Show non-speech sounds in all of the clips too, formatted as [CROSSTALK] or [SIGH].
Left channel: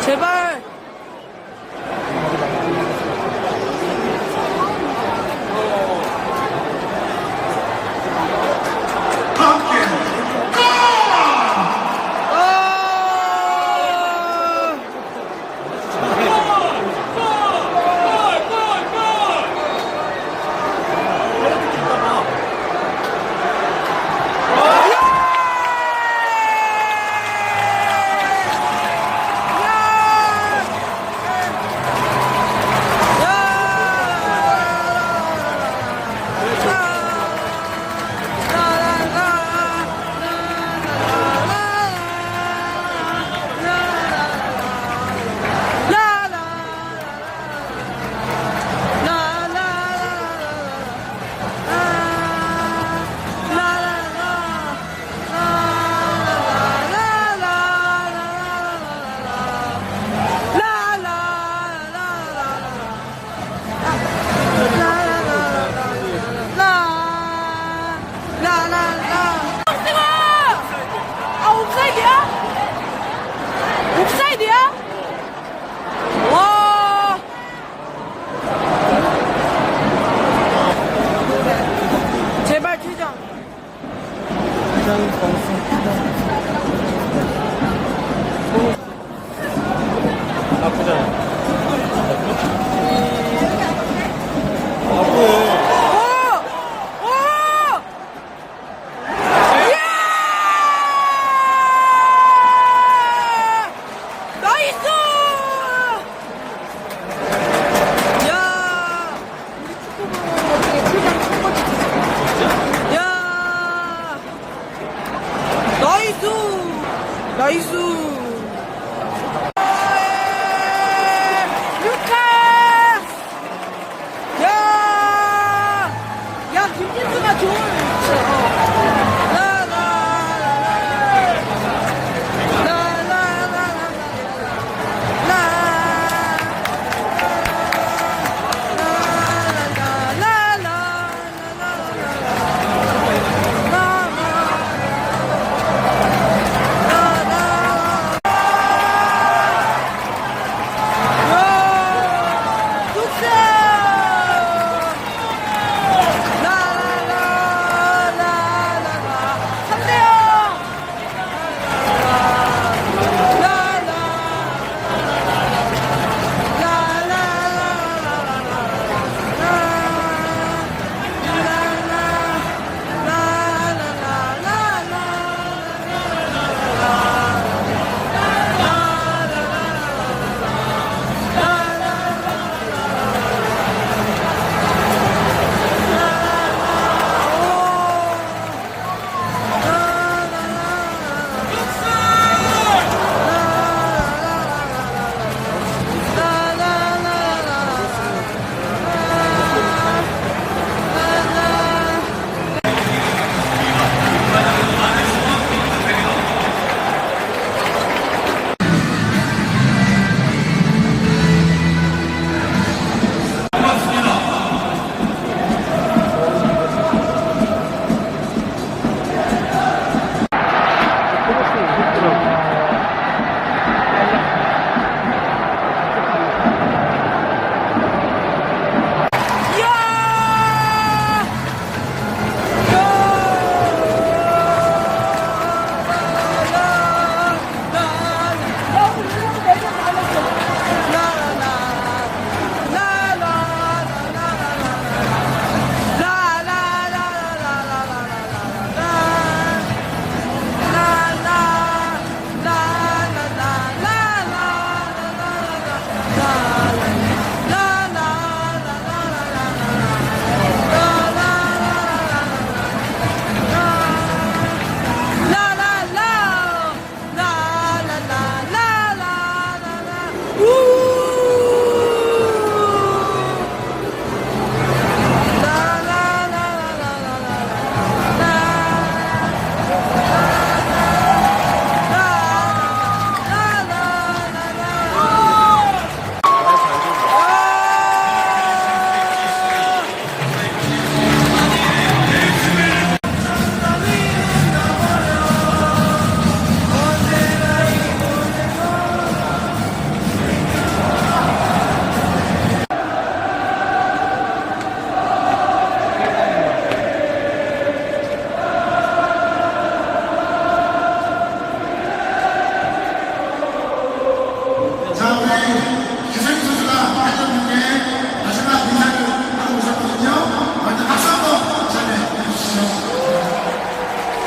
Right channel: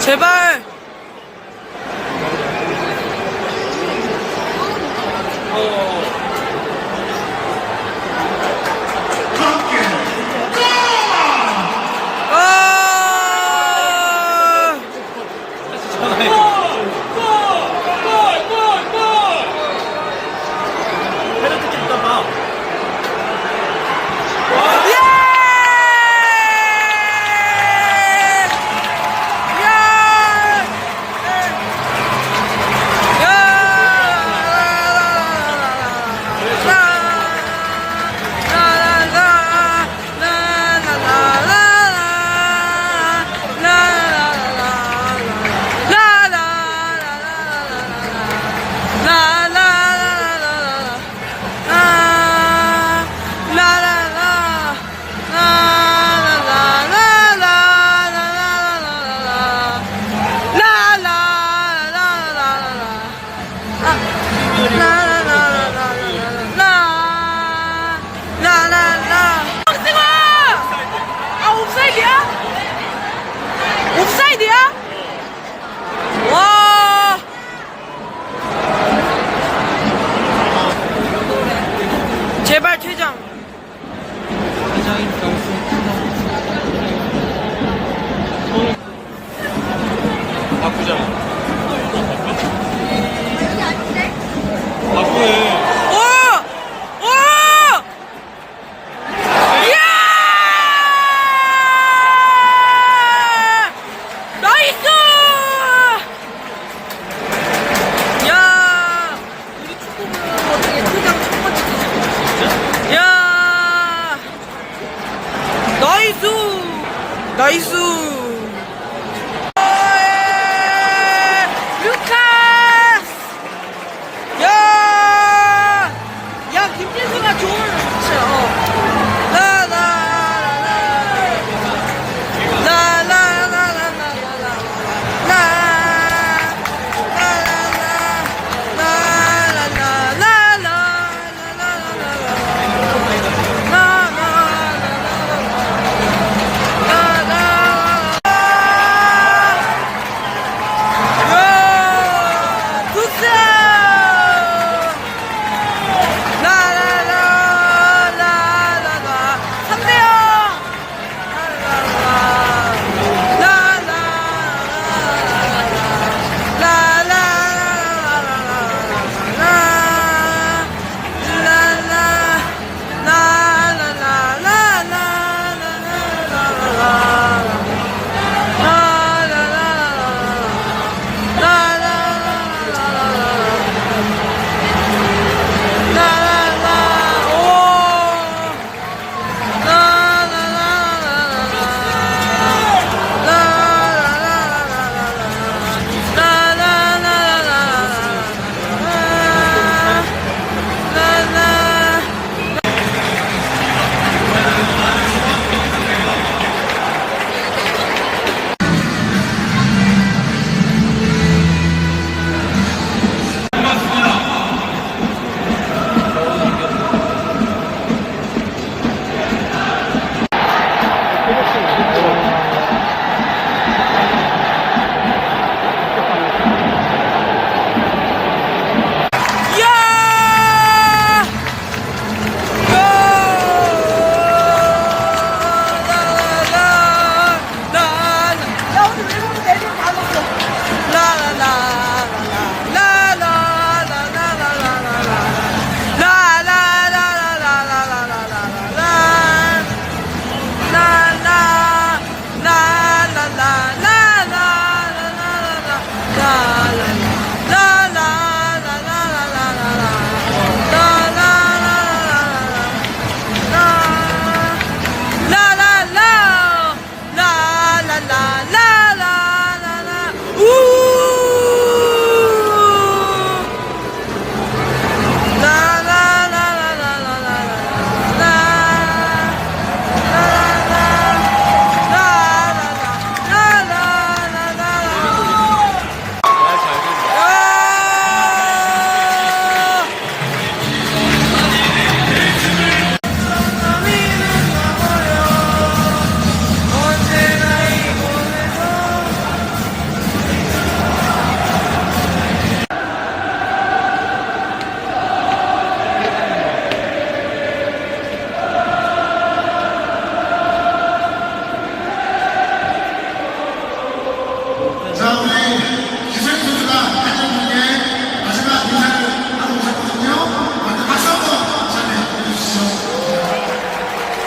제발. 힘들기가 좋은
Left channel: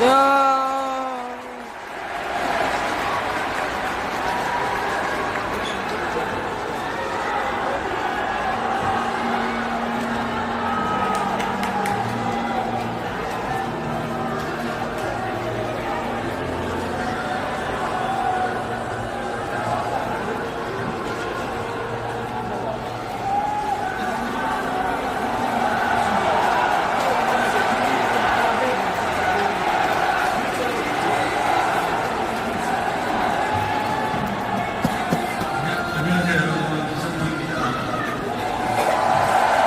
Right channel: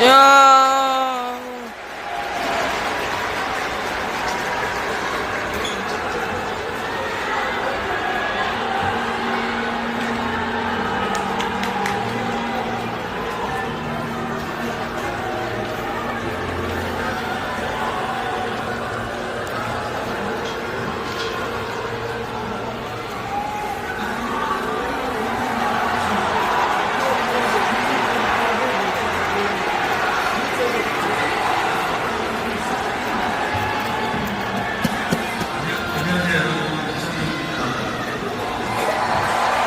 呀。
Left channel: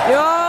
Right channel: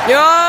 야.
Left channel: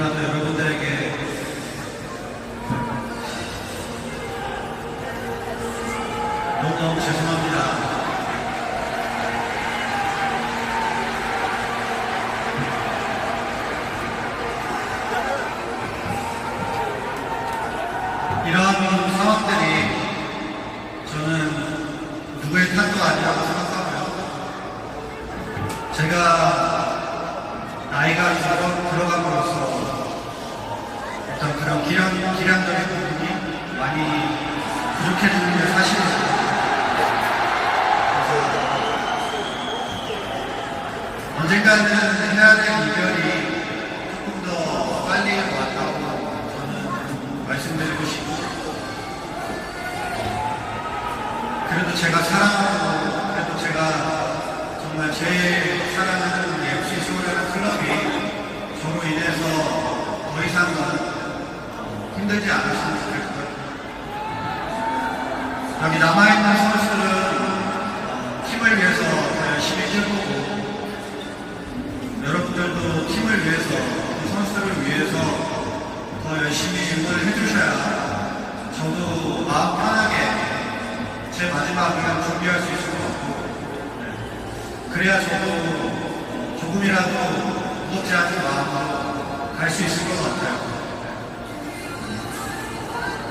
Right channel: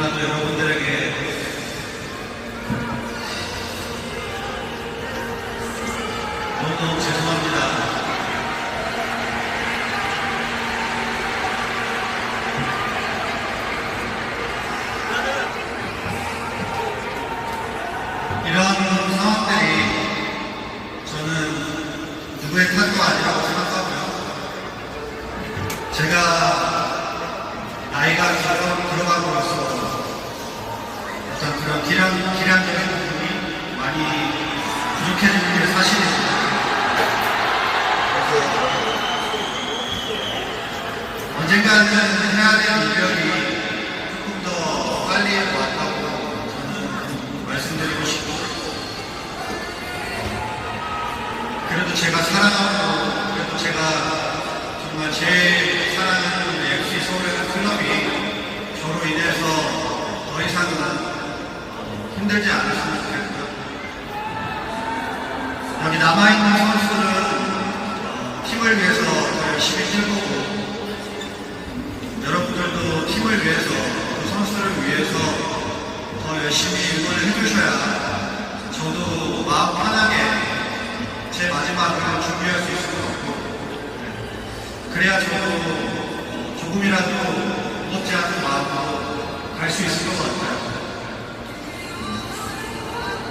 너무나 어떤 그런 기량, 기량적인 부분이 많이 부족해지는 게. 그래서 언젠가는 좋겠고요. [LAUGHS] 여기 남아있는 선수들은 어, 팀을 위해서 더 열심히 뛸 거고 여러분들도 팀을 위해서 또 선수들을 위해서 더 열심히 응원을 해주셔야 저도 마음 편하게 제 마지막을 준비할 수 있을 것 같고 그래야 저도 조금이라도 무겁지 않은 마음으로 갈 수 있을 것 같아요.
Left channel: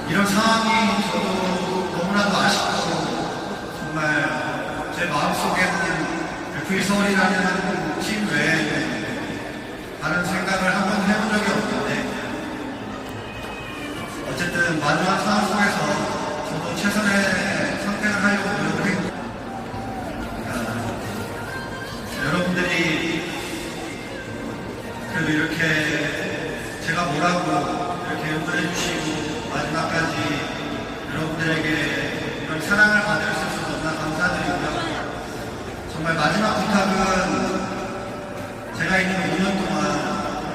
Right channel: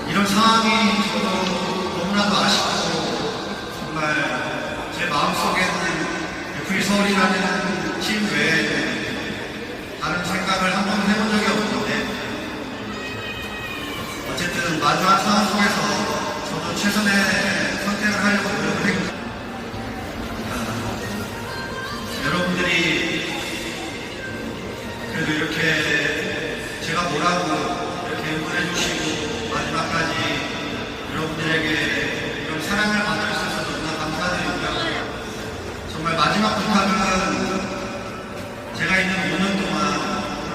이런 상황이 저도 너무나도 아쉽고 정말 제 마음속에는 FA 서울이라는 팀 외에 다른 생각을 한 번도 해본 적이 없는데 어쨌든 마지막 상황 속에서 저도 최선의 선택을 하려고 노력을 했고 마지막 부탁은 제가 있는 5년 동안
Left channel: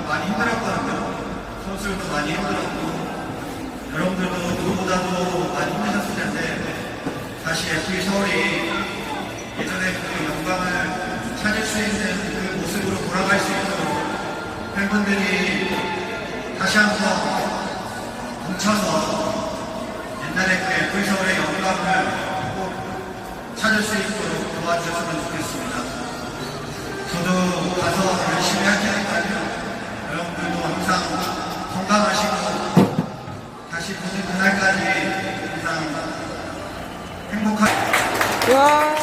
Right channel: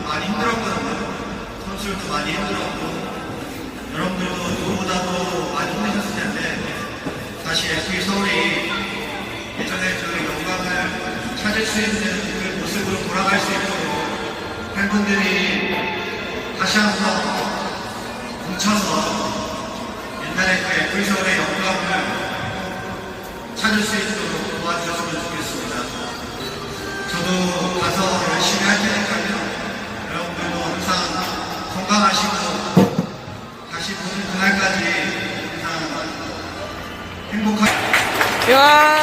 많이 힘들었거든요. 선수들도 많이 힘들었고 여러분들도 누구보다도 많이 힘드셨을 텐데 다시 FA 서울이 예전에 그 영광을 찾을 수 있는 그 모습으로 돌아갈 수 있도록 팬분들이 다시 한번 뭉쳐서 옛날에 그 FA 서울의 영광을 꼭 찾을 수 있도록 도와주셨으면 좋겠습니다. 저도 가서 열심히 할 테니까요. 여러분들도 항상 건강하시고 다시 보는 그날까지 항상 행복한 야.